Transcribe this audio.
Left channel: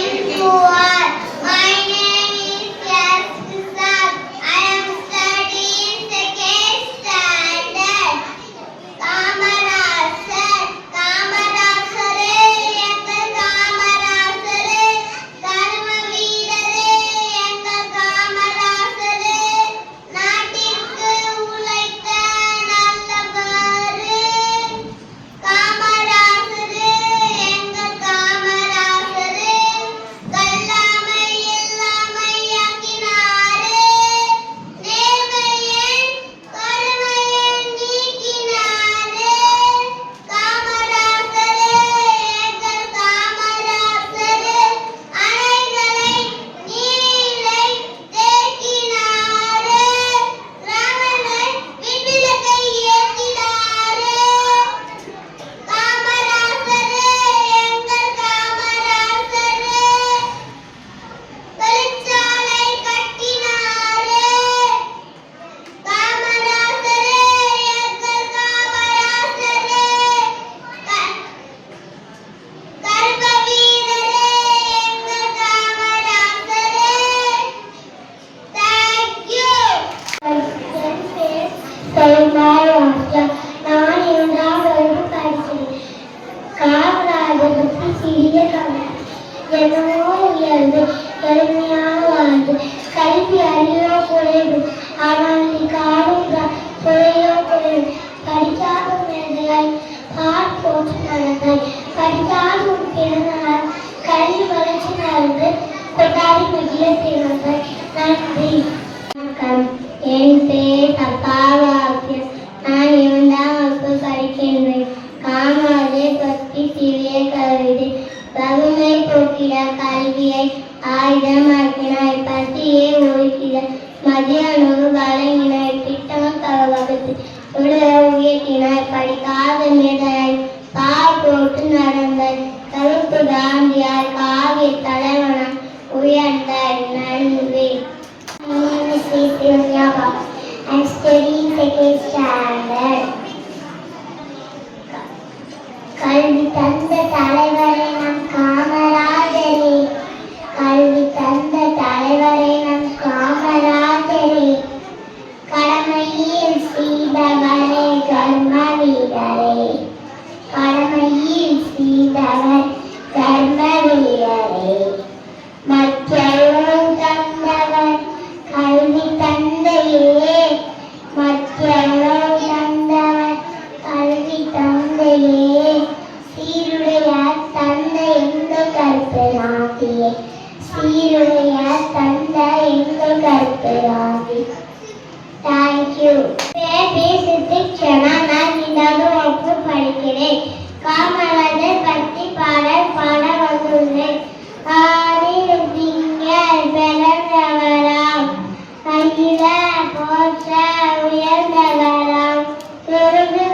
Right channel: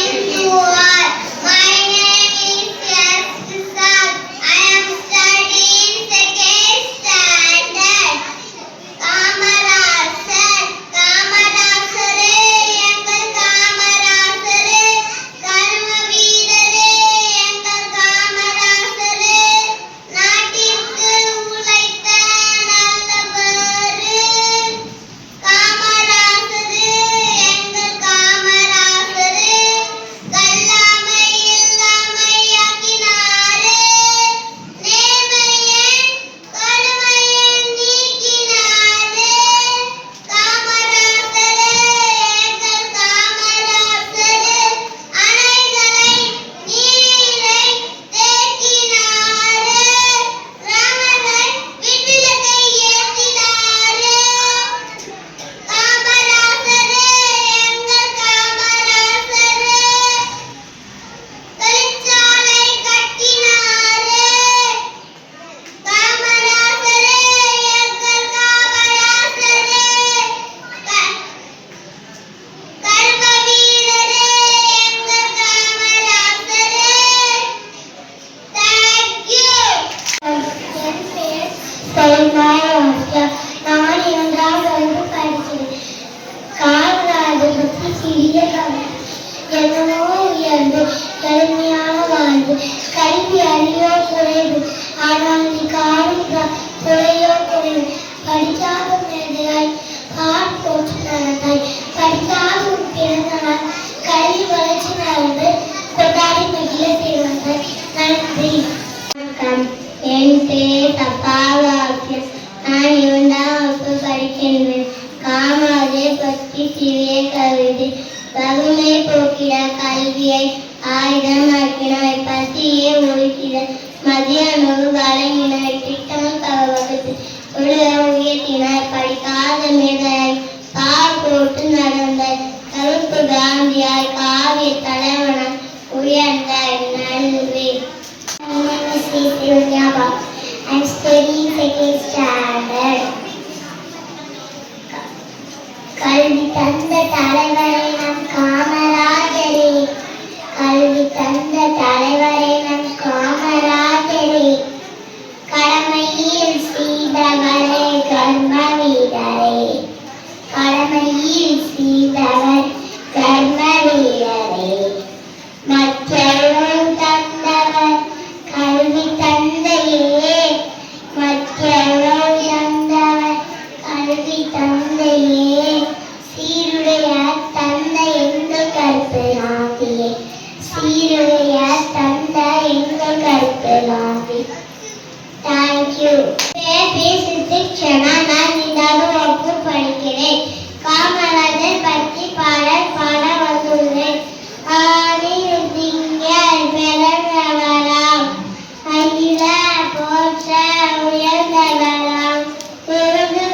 morning to all. My name is Yastisab. I am studying second standard. Kamarajar காமராசரே எங்கள் காமராசரே கர்ம வீரரே எங்கள் காமராசரே நாட்டிற்கு உழைத்த நல்லவரே காமராசரே எங்கள் காமராசரே கல்லாமை இல்லாமையாக்கினாரே நேர்மையின் கருமையை நீக்கினாரே காமராசரே எங்கள் காமராசரே அணைகளை நீரை தேக்கினாரே ராமனை விண்விளக்கை ஏற்றினாரே காமராசரே எங்கள் காமராசரே தொழிற்சாலை கட்டினாரே காமராசரே எங்கள் காமராசரே கர்ம வீரரே எங்கள் காமராசரே Thank you. நான் இரண்டாம் வகுப்பு படிக்கிறேன். காமராஜர் பற்றி சிறிய கதை. என்னவோ உயர்ந்து எளிமையான வாழ்வு. கல்வி அறிவோ குறைவு. ஆனால் நீ காணும் துறையோ குறைவு. படிக்காத மேதையாய் பார் போற்று நடந்தாய். படிக்காத பிறந்தனால் கல்வி வளர்ச்சி நடந்து கொண்டாடி மகிழ செய்வார்கள். நன்றி. வணக்கம். என் பெயர் தப்பாவாக்கியம். நான் இரண்டாம் வகுப்பு படிக்கின்றேன். காமராஜர் பற்றி சிறிய கவிதை. வறுமை போக்கிட கல்வியை ஆயுதமாக்கினார். பசியை ஒழிக்கிற மதிய உணவு வழங்கினார். திட்டம் வகுத்து உலக உயர்த்தினார். படிக்காத மேதையாய் பார் போட்டு நடந்தார். கருப்பு காந்தியாய் காவிய தலைவனாய் உயர்ந்தார். நன்றி. My name is Srinyava. I am studying second standard. கல்வி தந்த தலைவரே நம் காமராஜரே கல்வி தந்த தலைவரே நம் காமராஜரே கடமையில் செய்தவரே கர்ம வீரரே கடமையில் செய்தவர் கர்ம வீரரே மற்றவரும் தந்தவர் கல்வி தந்தையே மற்றவரும் தந்தவர் கல்வி தந்தையே சீருடைய தந்தை எங்கள் கற்பனாகியே சீருடைய தந்தை எங்கள் கற்பனாகி தேங்க்யூ. நான் இரண்டாவது வகுப்பு படிக்கிறேன். காமராஜர் பற்றி பாடல் பாட வந்துள்ளேன். ஆணில் திங்கள் பிறந்தவராம் அகில போற்ற உயர்ந்தவராம் குருகு